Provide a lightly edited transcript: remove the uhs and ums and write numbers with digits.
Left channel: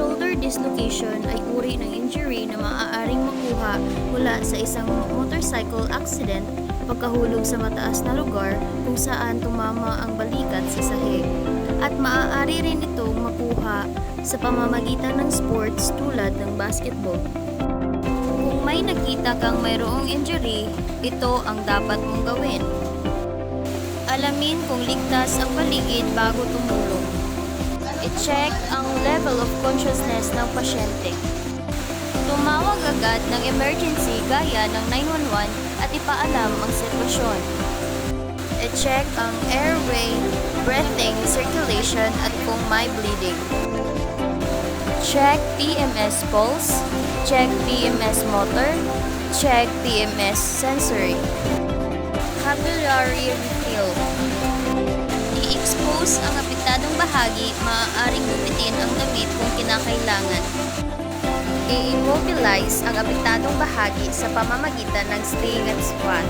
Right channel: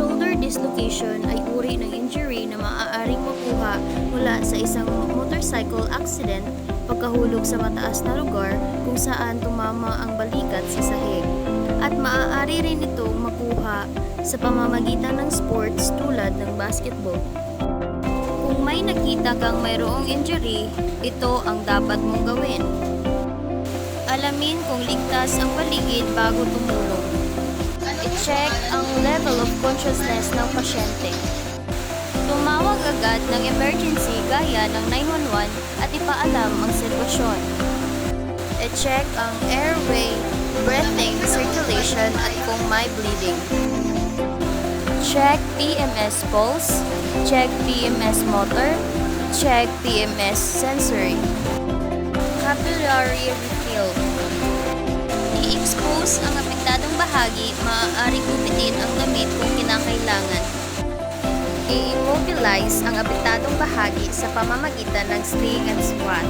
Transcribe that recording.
shoulder dislocation ay uri ng injury na maaaring makuha mula sa isang motorcycle accident pagkahulog sa mataas na lugar kung saan tumama ang balikat sa sahig. At maaari rin itong makuha sa pamamagitan ng sports tulad ng basketball. Kung may nakita kang mayroong injury, ito ang dapat mong gawin. Alamin kung ligtas ang paligid bago tumulong. I-check ang level of consciousness ng pasyente. Tumawag agad ng emergency gaya ng 911 at ipaalam ang sitwasyon. I-check ang airway, breathing, circulation at kung may bleeding. Check PMS pulse, check PMS motor, check PMS sensory. Capillary refill. I-expose ang apektadong bahagi, maaaring gupitin ang damit kung kinakailangan. I-immobilize ang apektadong bahagi sa pamamagitan ng sling and squat.